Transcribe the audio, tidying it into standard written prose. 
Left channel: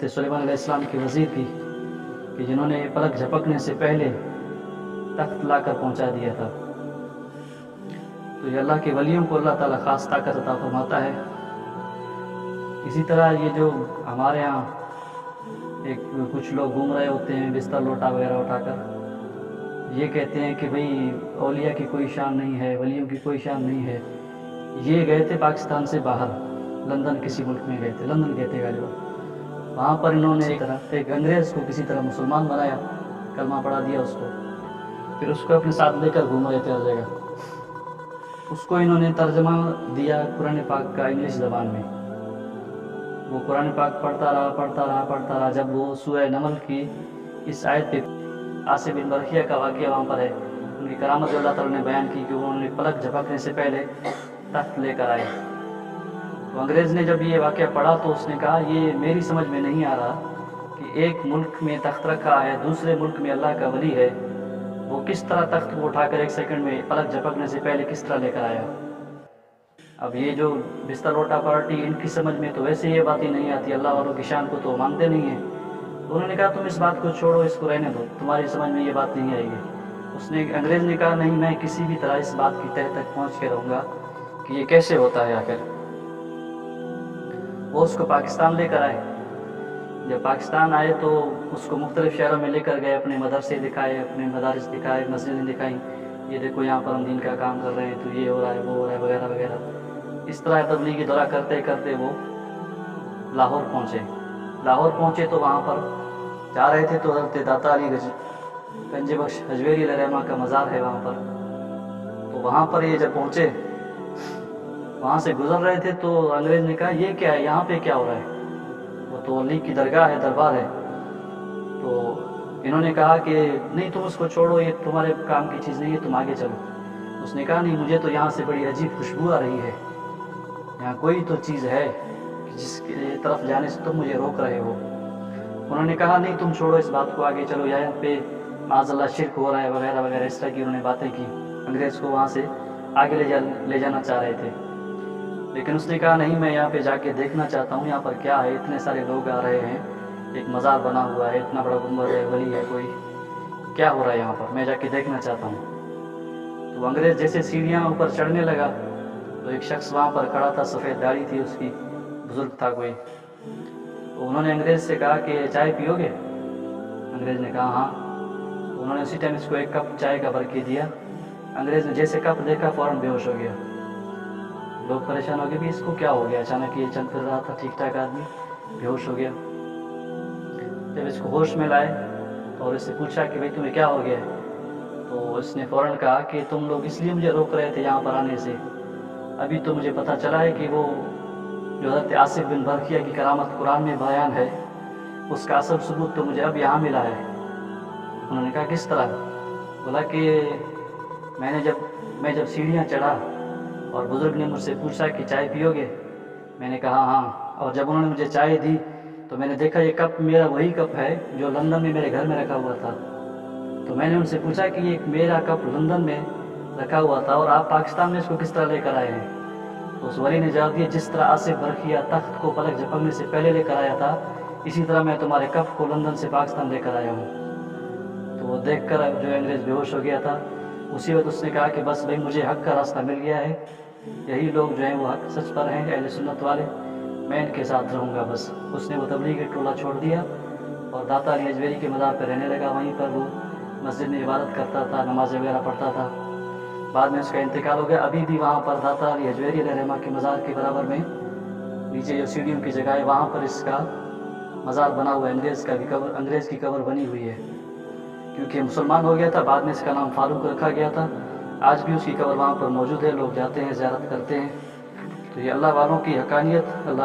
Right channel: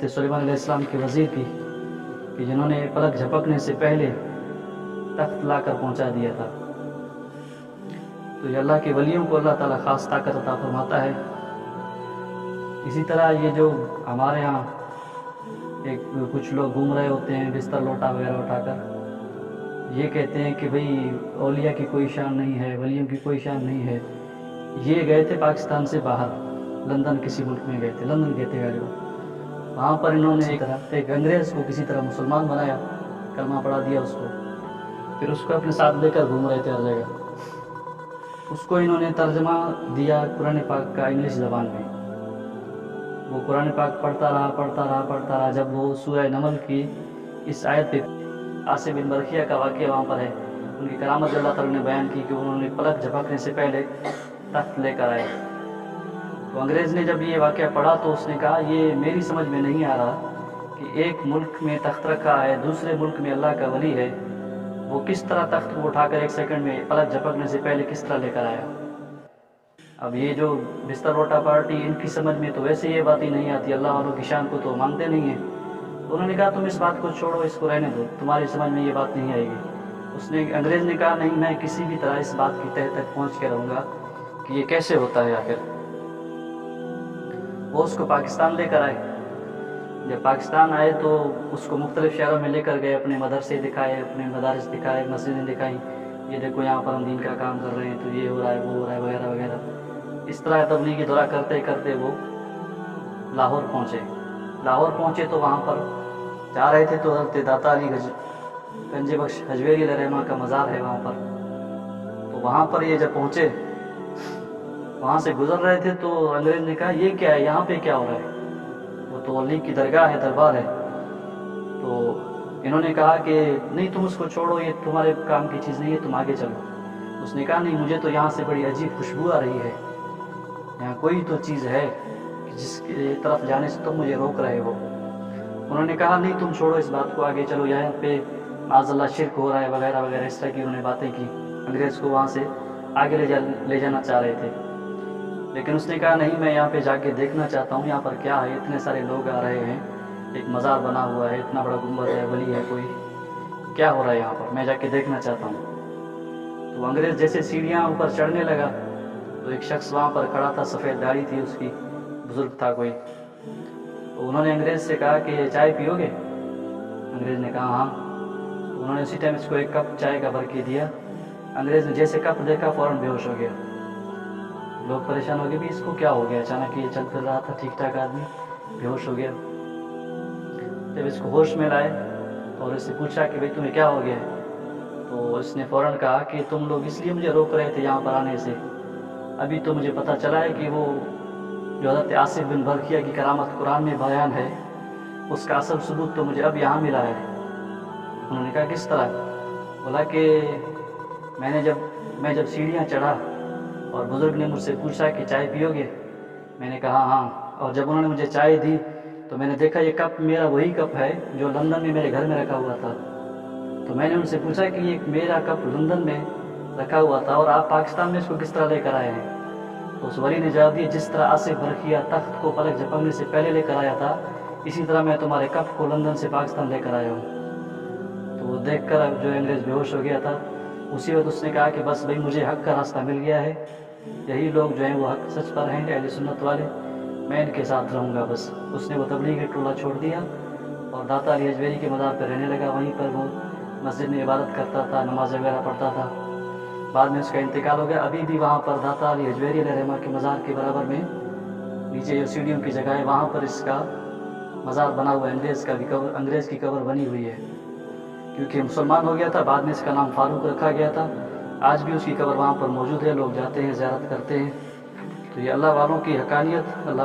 حضرت سلیمان علیہ السلام کے وزیر کی کہ جنہوں نے پلک جھپکنے سے پہلے تخت لا کر پہنچا دیا تھا۔ تو یہ اللہ کے ولیوں کو اللہ تعالیٰ خاص طاقت عطا فرماتا ہے۔ اسی طرح یہ جو ہمارے ہاں کچھ لوگ گھوم رہے ہوتے ہیں بستر لوٹا وغیرہ اٹھا کر، یہ کہتے ہیں کہ بھئی اولیاء کی کوئی شان نہیں ہے، ولیوں کی کوئی شان نہیں ہے۔ یہ گئے تھے پاکستان سے باہر، لندن کسی ملک میں گئے تھے، لندن گئے تھے غالباً۔ وہاں پر انہوں نے ایک انگریز کو کسی طرح مسلمان بنایا، کلمہ پڑھا دیا اس کو، پھر اس کو اپنے ساتھ لے کر گھوم رہے تھے ہر جگہ۔ اس کو انہوں نے ترجمہ دیا قرآن پاک کا انگلش زبان میں۔ وہ قرآن پاک پڑھتا رہا۔ جب وہ سورہ نمل کی اس آیت پہ عاصم بن برقیہ کا واقعہ وہاں پر ہے، ان کی کرامت اللہ تعالیٰ نے بیان کی کہ انہوں نے پلک جھپکنے سے پہلے تخت لے کر آئے۔ تو انگریز نے جب یہ واقعہ پڑھا تو اس نے کہا یہ میری سمجھ میں نہیں آ رہا کہ ایک ملک میں تخت رکھا ہے، دوسرے ملک میں اللہ کا ولی ہے، وہ کس طرح تخت کو اٹھا کر ایک سیکنڈ میں پلک جھپکنے سے پہلے کس طرح لے کر آیا۔ اب یہ جو بستر لوٹا پارٹی، ان کی سمجھ میں تو ویسے یہ بات ہی نہیں آتی، اللہ والوں کی شان کو تو مانتے نہیں ہیں۔ تو انہوں نے کہا تم اس بات کو چھوڑو، اس کو رہنے دو، تمہاری سمجھ میں یہ بات نہیں آئے گی۔ انگریز نے کہا نہیں، میں کسی بھی طرح اس بات کی تہ تک پہنچ کے رہوں گا کہ یہ کیسے ہوتا ہے آخر۔ وہ اس کو پاکستان لے کر آئے۔ جب پاکستان آئے تو اس کو مختلف شہروں میں لے کر گئے، اپنے مدرسے دکھائے، اپنے مدارس دکھائے، مسجدیں دکھائیں، یہ دیکھو یہاں پر ہم دین کا کام کر رہے ہیں، تو یہ ہو رہا ہے، وہ ہو رہا ہے، وغیرہ وغیرہ۔ اس طرح تبلیغی دورہ کرتے کرتے وہ لاہور پہنچے تو وہاں پر جا رہے تھے تو حضرت داتا علی گنج بخش حجویری علیہ رحمہ کا مزار ہے وہاں پر۔ تو وہاں پر یہ جب پہنچے، وہاں سے گزر رہے تھے تو انگریز نے کہا یہ کیا ہے، یہاں پہ کیا ہو رہا ہے؟ وہ تو علی کی درگاہ ہے، دربار ہے۔ تو انہوں نے کہا کہ نہیں تم اس کو چھوڑو، یہ تمہارے کام کی چیز نہیں ہے، تم آگے چلو۔ اس نے کہا نہیں، مجھے تو یہاں سے بڑی عجیب خوشبو آ رہی ہے، یہاں کوئی تو چیز ہے جس کی طرف جانے سے تم مجھے روک رہے ہو۔ انہوں نے کہا نہیں تم چھوڑو اس بات کو، آگے چلو، یہاں پہ معاذ اللہ شرک ہو رہا ہے، وغیرہ وغیرہ، اس طرح کی انہوں نے باتیں کی۔ انگریز کو وہاں سے آگے لے جانا چاہ رہے تھے، لیکن اس نے کہا نہیں، میں یہاں پہ جا کے دیکھنا چاہتا ہوں یہاں پر کیا ہے، اتنے سارے لوگ آ رہے ہیں، ایک مزار بنا ہوا ہے، اتنا بڑا گنبد ہے، ولی ہے کوئی، کیا ہو رہا ہے یہاں پر، میں جا کے دیکھنا چاہتا ہوں۔ تو انگریز جیسے سیڑھیاں اوپر چڑھنے لگا تو ایک شخص وہاں پر کھڑا تھا، سفید داڑھی تھی اس کی، بزرگ تھا کوئی۔ تو انہوں نے انگریز سے کہا کہ چائے پیو گے؟ انگریز نے کہا ہاں۔ تو انہوں نے اسی ٹائم اس کو ایک کپ چائے کا بھر کے دیا۔ انگریز نے جیسے کپ دیکھا فوراً بے ہوش ہو گیا۔ لوگ پریشان ہو گئے بھی اس کو کیا ہو گیا، اچانک یہ چل پھر رہا تھا ٹھیک ٹھاک آدمی، بے ہوش ہو گیا۔ جب اس کو ہوش میں لائے اور اس سے پوچھا کہ بھئی تمہیں کیا ہو گیا ہے، تو اس نے فوراً کہا کہ تم لوگ اس لیے مجھے روک رہے تھے یہاں پر آنے سے، ابھی تو مجھے پتہ چلا ہے کہ وہ جو حضرت عاصم بن برقیہ کی کرامت قرآن میں بیان ہے، اس کا اصل ثبوت تو مجھے اب یہاں ملا ہے۔ انہوں نے کہا کس طرح؟ بولا کہ میں جب سیڑھیاں چڑھا اور بزرگ نے مجھ سے پوچھا کہ چائے پیو گے، میں نے کہا ہاں، اور جب انہوں نے مجھے چائے دی تو میں نے دیکھا یہ کپ میرا وہی کپ ہے جو لندن میں میرے گھر میں رکھا ہوا تھا۔ تو میں نے ان سے پوچھا کہ یہ میرا کپ لندن میں رکھا ہوا تھا اور آپ پاکستان میں اس کو کس طرح لے کر آئے ہیں؟ تو اس ولی نے جواب دیا جس طرح عاصم برقیہ تخت کو پلک جھپکنے سے پہلے لے کر آیا تھا، اسی طرح میں تمہارے کپ کو لندن سے پاکستان لے کر آیا ہوں۔ تو وہ دیکھ کر اب جو انگریز بے ہوش ہو گیا تھا، اسی وقت اس نے کہا کہ بس بھئی مجھے حق کا راستہ مل گیا ہے، یہی لوگ جو ہیں وہ حق سچ پر ہیں، اہل سنت والے، میں ان کے ساتھ رہوں گا بس۔ اس نے وہ تبلیغی ٹولہ چھوڑ دیا اور داتا علی حجویری کے مزار پہ رہنے لگا، وہیں پر وہ مسجد میں عبادت کرتا تھا، نماز وغیرہ پڑھتا تھا۔ بعد میں اس کا انتقال ہو گیا۔ ابھی بھی وہاں پر داتا علی حجویری علیہ رحمہ کے مزار کے برابر میں نیچے جو سیڑھیوں کی جگہ ہے وہاں پر اس کا مزار بنا ہوا ہے، انگریز کی قبر بنی ہوئی ہے، کیونکہ مسلمان ہو گیا تھا، بعد میں اس کا نام فاروق رکھا گیا تھا۔ آج بھی اس کی قبر وہاں پر موجود ہے، لوگ جاتے ہیں، زیارت کرتے ہیں۔ تو یہ اللہ والوں کی حقانیت، اللہ